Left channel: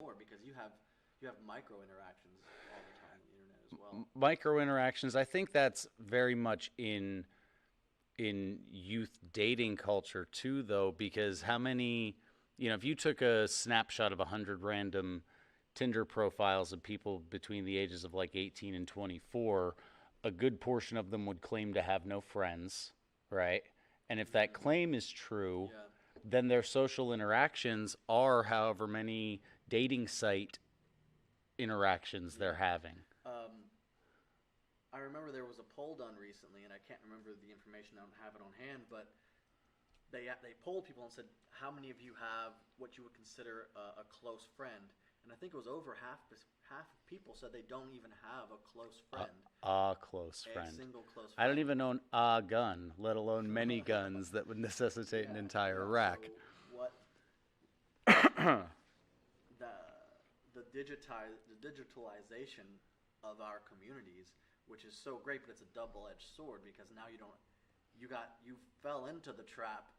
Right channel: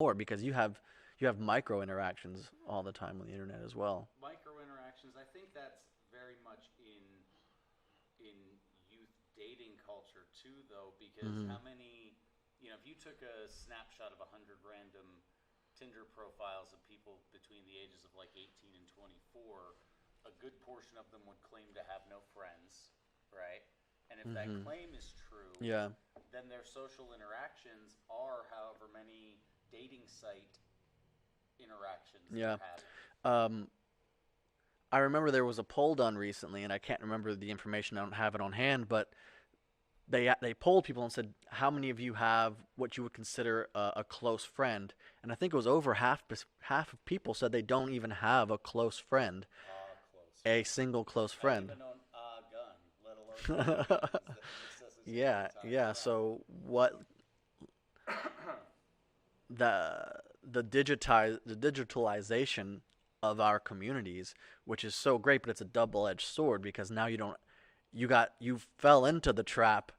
more because you have micro interactions all the time on the internet as well. Micro interactions. I think that's very much in youth dating culture too, though, because Hmm. how many, if you took a snapshot of 100 random Tinder profiles of people between the ages of like 18 and 24, a good portion of them would claim to have no friends, right? And if that Hmm. claim is true, Yeah. then their social interactions are however many dating site interactions they're Yeah. having. Um, I remember there was a poll done recently, and I can't remember the information. I don't have it on hand, but they polled people and said, "How many of you have what you would consider a close friend?" And I think it was over half of people said they don't even have a close friend, A close a friend. single close I don't friend. even own a gun, let alone many guns that would necessitate an Yeah, entire yeah. rack. So what the the digitalization of our communities, which is so great, but it's a double-edged sword because now you fell into the trap.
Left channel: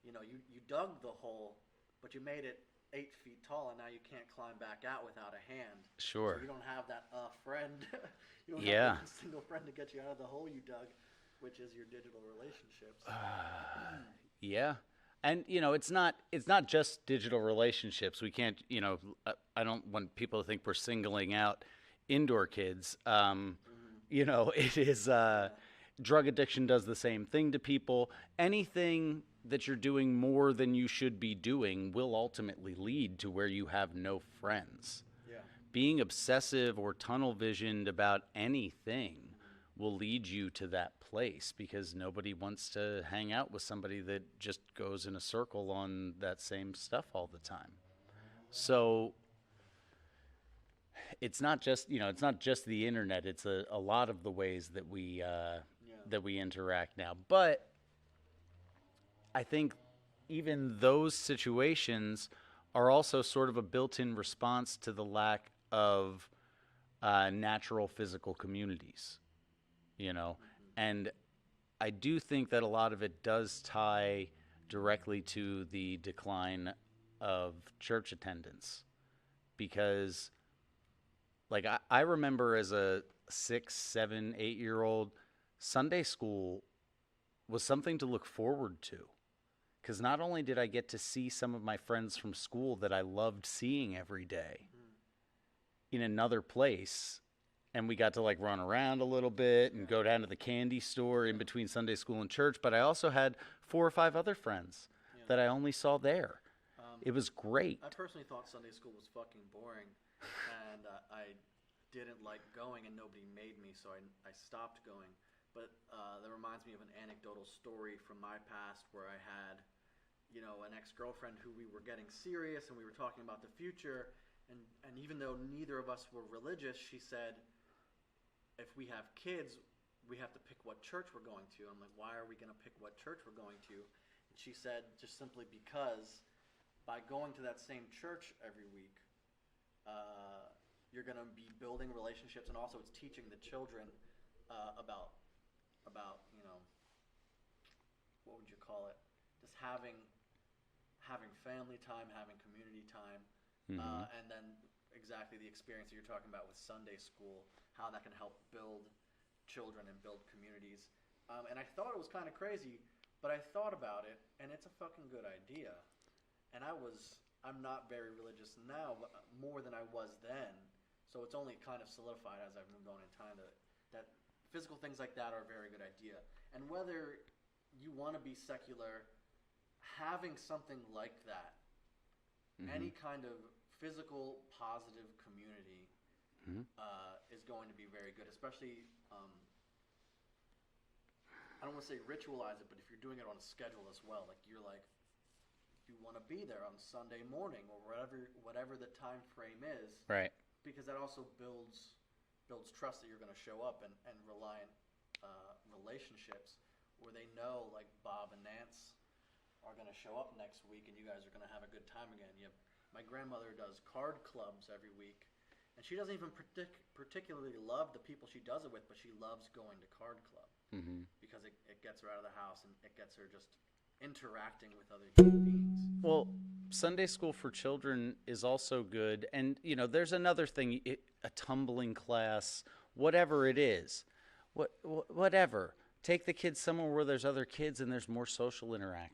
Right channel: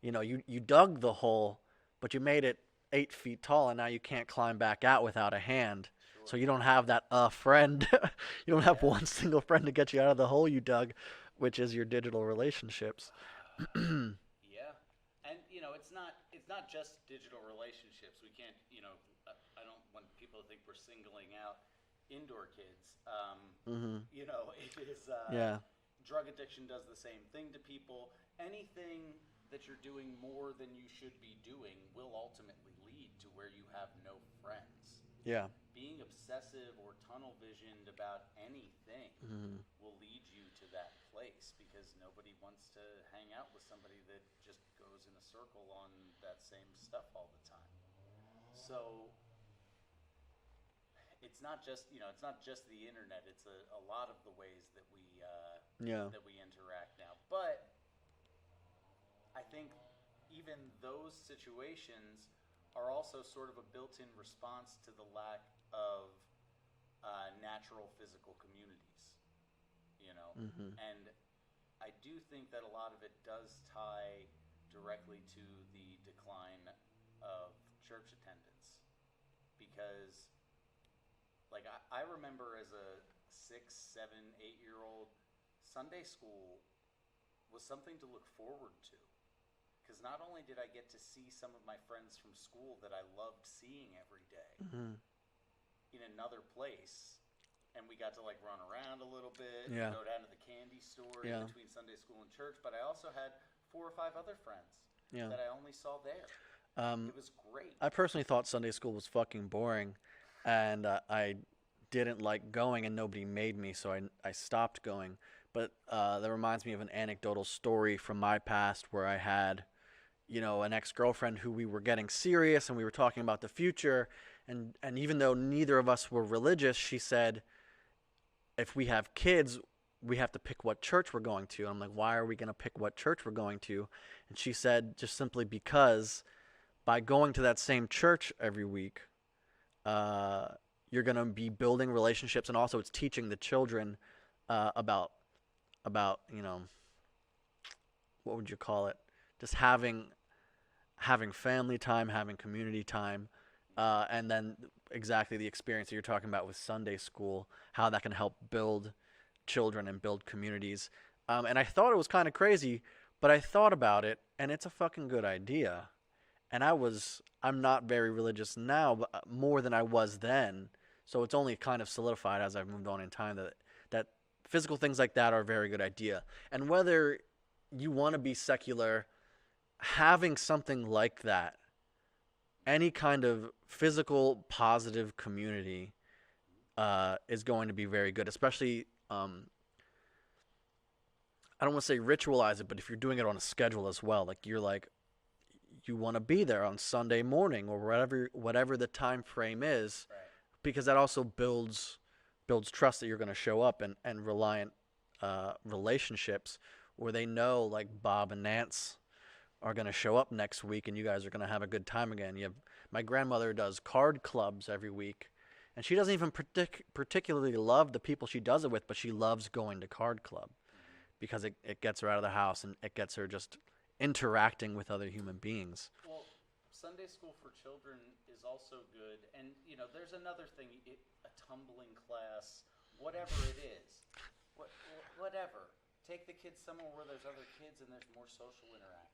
You dug the hole, but you made it 8 feet tall, and now you can't climb back out without a hand. So Sure. you don't have that friend. You don't have Yeah. one single friend to get you out of the hole you dug, which is your digital relationships. Yeah. And it's not just digital relationships. We can't, I don't want people to think we're singling out indoor kids. Hmm. It is Yeah. drug addiction does the same thing to people. Anything that you're doing more than you should be doing will ultimately lead to where you have no friends. Yeah. Being obsessive or tunnel visioned about anything Hmm. will lead you to that place because nobody wants to hang out with somebody that just goes in a circle on that same stuff all the time. So it's not just the internet. It's a lot of the ways Yeah. that we interact now. But I think even those situations are also sort of a built-in response to the lack of natural physical communities, you know, Hmm. and I do think that a lot of it does tie directly to the decline of church attendance because like I remember as a 6, 7, 8 year old, Sunday school was something to look forward to because not only did I get to see some of my friends from school that I loved seeing every day Hmm. in another place, and we got to like run around a little bit and Yeah. go down to the candy store in Yeah. between Sunday school and church, but I also had 4 or 5 other friends Yeah. that I only saw there. Um, It was great. I personally thought Sunday school was fucking boring, and I didn't like going, and nobody made me, so I stopped going. But that reminds me of an anecdotal story from my past where I had, an ex-girlfriend who we were getting serious, and we were talking about the future, and even though neither of us were religious, she said, if we have kids, we have to pick what church we're going to. I'm like, why are we going to pick what church we're going to? And she said, just simply because by going to that same church every week, uh, you're going to be building relationships, and also it's teaching the children about what would you call it? Just having family time, having community time, Hmm. and then exactly the experience that you're talking about with Sunday school, how that can help build children and build communities. And I thought it was kind of crazy, but I thought about it, and it's a fucking good idea. And I'm not very religious now, but more than I was then. So it's only kind of solidified as I've moved on in time that physical things like that are a very good idea. And whether you want to be secular, having something like that, Hmm. any kind of physical positive community, Hmm. is going to be very good, especially. I don't want to say ritualize it, but if you're doing it on a schedule as well, like you want to be there on Sunday morning or whatever the time frame is, Right. because that also builds trust that you're going to show up, and reliant relationships where they know like Bob and Nance are going to show up next week and you guys are going to have a good time again. My grandmother does card clubs every week, and she doesn't even particularly love the people she does it with, but she loves going to card club Hmm. because it gets her out of the house and it gets her just interacting with other human beings. Well, Sunday school for children is also good. And, there's another thing, a tumbling class, whatever it is, whatever. Take the kids somewhere where there's other kids and there's more social interaction.